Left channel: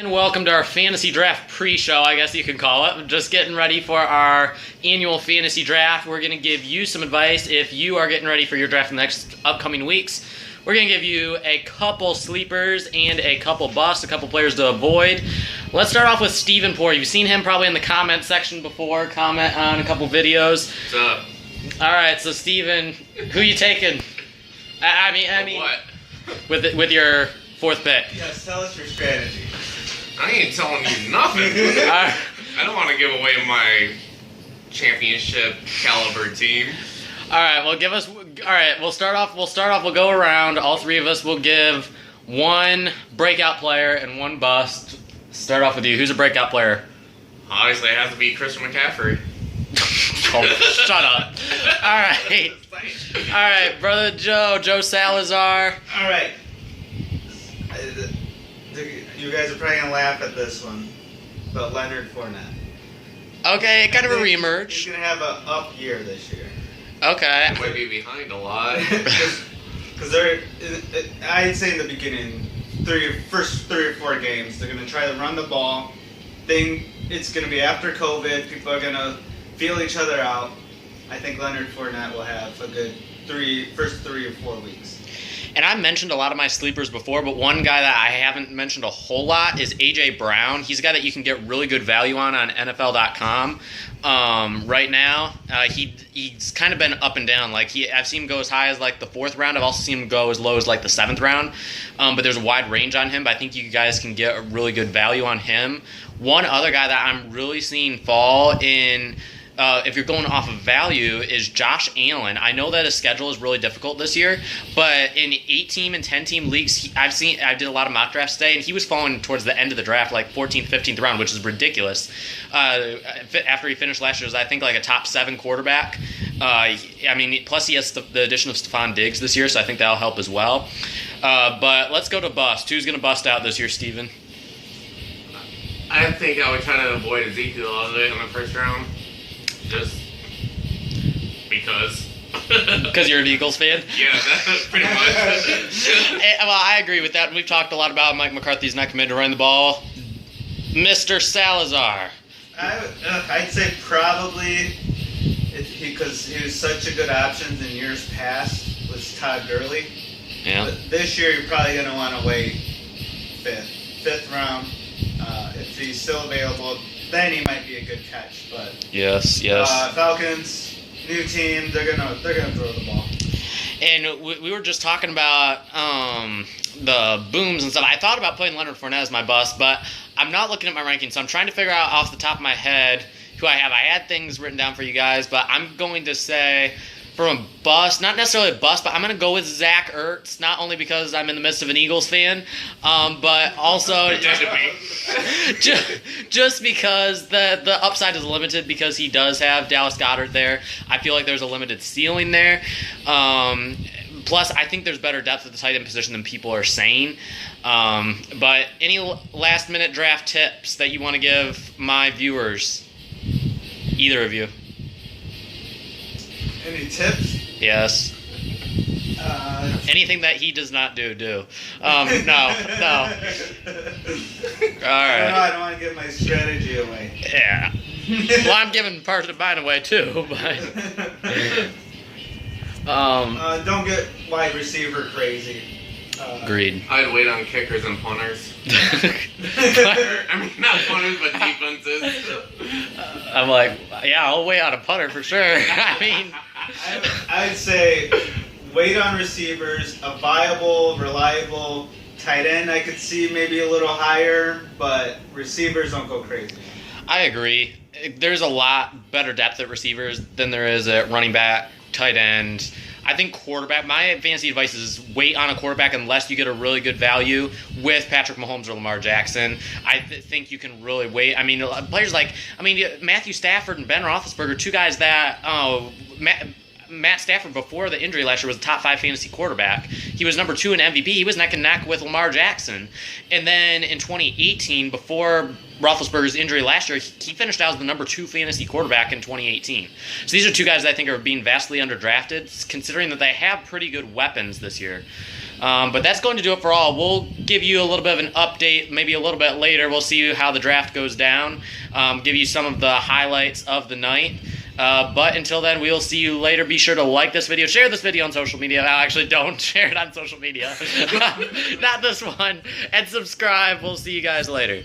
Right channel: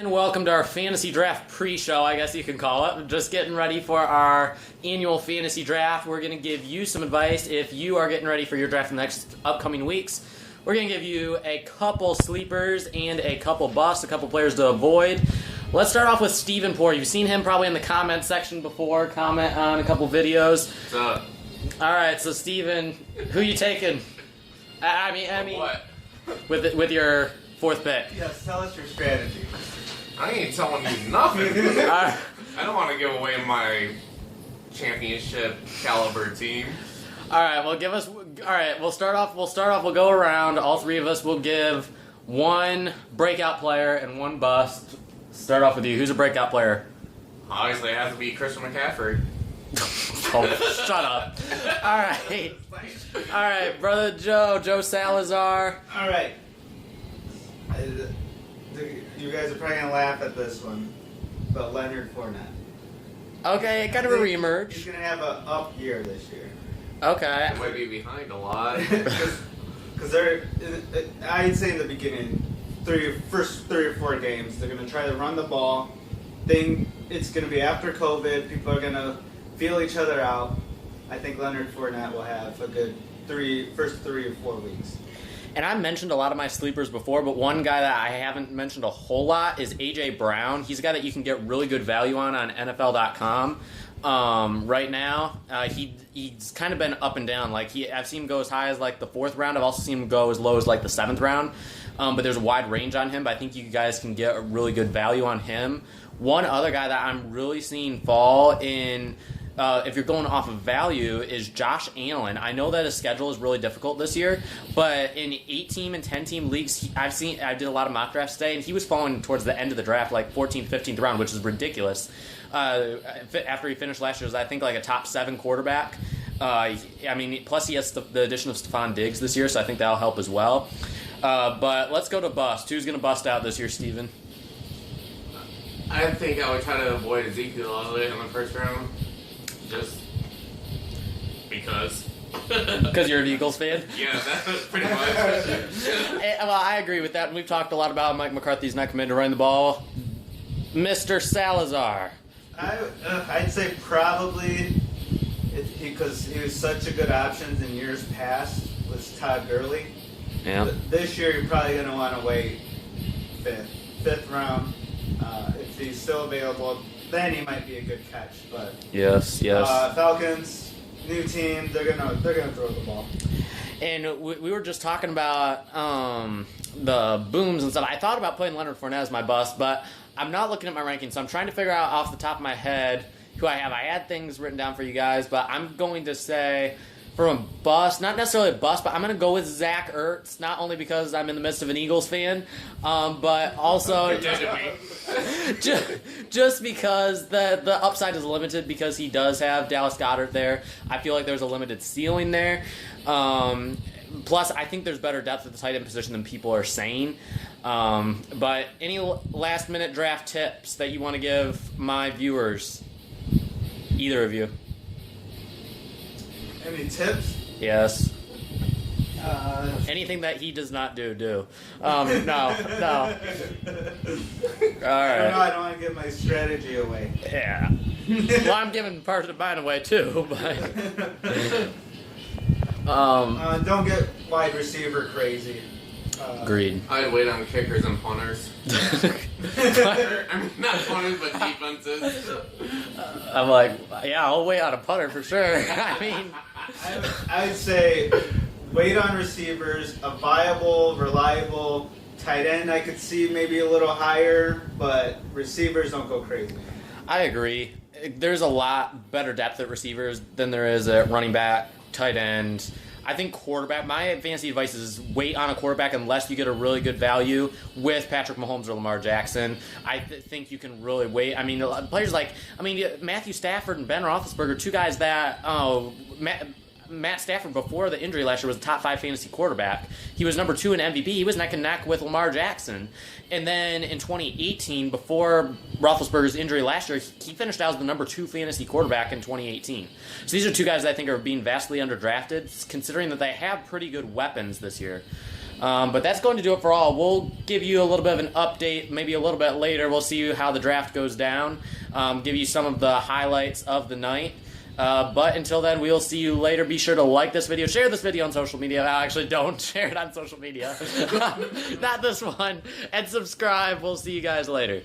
And welcome to our fantasy draft pre-show, I guess you can call it. Just getting ready for our annual fantasy draft. We're going to give you some advice if you are getting ready for your draft in the next upcoming weeks. We're going to give you a couple sleepers and a couple busts, a couple players to avoid. Let's start off with Steven Poor. You've seen him probably in the comment section before, comment on a couple videos. What's up? All right, so Steven, who you taking? I mean, what? with your fourth pick. Yes, tell us your strategy. I ain't telling you nothing. All I don't want to give away my championship caliber team. right, well, give us. All right, we'll start off. We'll go around. All three of us will give one breakout player and one bust. Start off with you. Who's a breakout player? Obviously, it has to be Christian McCaffrey. Oh, shut up. All right, brother Joe Salazar. All right. You guys are probably going to laugh at this one, but Leonard Fournette. Okay, kind of a He's reemerge. going to have an up year this year. Okay. Might be behind a lot. Because I'd say in the beginning, first 3 or 4 games, they're going to try to run the ball. It's going to be after COVID. People are going to feel each other out. I think Leonard Fournette will have a good first 3 or 4 weeks. And I mentioned a lot of my sleepers before, but one guy that I haven't mentioned a whole lot is A.J. Brown. He's a guy that you can get really good value on NFL.com. Right now, he's kind of been up and down. I've seen him go as high as like the 4th round. I've also seen him go as low as like the 7th round. But there's a wide range on him. But I think you guys can get a really good value on him. One other guy that I'm really seeing fall in. If you're going off of value, is Josh Allen. I know that his schedule is really difficult this year, but in 8-team and 10-team leagues, I did a lot of mock drafts today, and he was falling towards the end of the draft, like 14th, 15th round, which is ridiculous. After he finished last year, was I think like a top 7 quarterback. Plus he has the addition of Stephon Diggs this year, so I think that'll help as well. But let's go to bust. Who's going to bust out this year, Steven? I think I would try to avoid Ezekiel Elliott in the first round. Just because. Because you're an Eagles fan? Yeah, that's pretty much. Well, I agree with that. And we've talked a lot about Mike McCarthy's not committed to run the ball. Mr. Salazar. I'd say probably, because he was such a good option in years past, was Todd Gurley. Yeah. But this year you're probably going to want to wait 5th round. If he's still available, then he might be a good catch. But Yes. Falcons, new team, they're gonna throw the ball. And we were just talking about the booms and stuff. I thought about putting Leonard Fournette as my bust, but I'm not looking at my rankings, so I'm trying to figure out off the top of my head who I have. I had things written down for you guys, but I'm going to say from a bust, not necessarily a bust, but I'm going to go with Zach Ertz, not only because I'm in the midst of an Eagles fan, but also just because the upside is limited because he does have Dallas Goedert there. I feel like there's a limited ceiling there. Plus, I think there's better depth at the tight end position than people are saying. But any last-minute draft tips that you want to give my viewers? Either of you. Any tips? Yes. Anything that he does not do. No. All right. I don't want to give my strategy away. Yeah. Well, I'm giving part of mine away too, but. Don't get wide receiver crazy. Agreed. I'd wait on kickers and punters. Not punters, but defenses. I'm like, yeah, I'll wait on a punter for sure. I mean, I'd say wait on receivers, a viable, reliable tight end. I could see maybe a little higher, but receivers don't go crazy. I agree. There's a lot better depth at receivers than there is at running back, tight end. I think quarterback, my fantasy advice is wait on a quarterback unless you get a really good value with Patrick Mahomes or Lamar Jackson. I think you can really wait. I mean, players like, Matthew Stafford and Ben Roethlisberger, two guys that, Matt Stafford before the injury last year was a top 5 fantasy quarterback. He was number 2 in MVP. He was neck and neck with Lamar Jackson. And then in 2018, before Roethlisberger's injury last year, he finished out as the number 2 fantasy quarterback in 2018. So these are two guys that I think are being vastly underdrafted, considering that they have pretty good weapons this year. But that's going to do it for all. We'll give you a little bit of an update, maybe a little bit later. We'll see how the draft goes down, give you some of the highlights of the night. But until then, we'll see you later. Be sure to like this video, share this video on social media. Actually, don't share it on social media. Not this one. And subscribe. We'll see you guys later.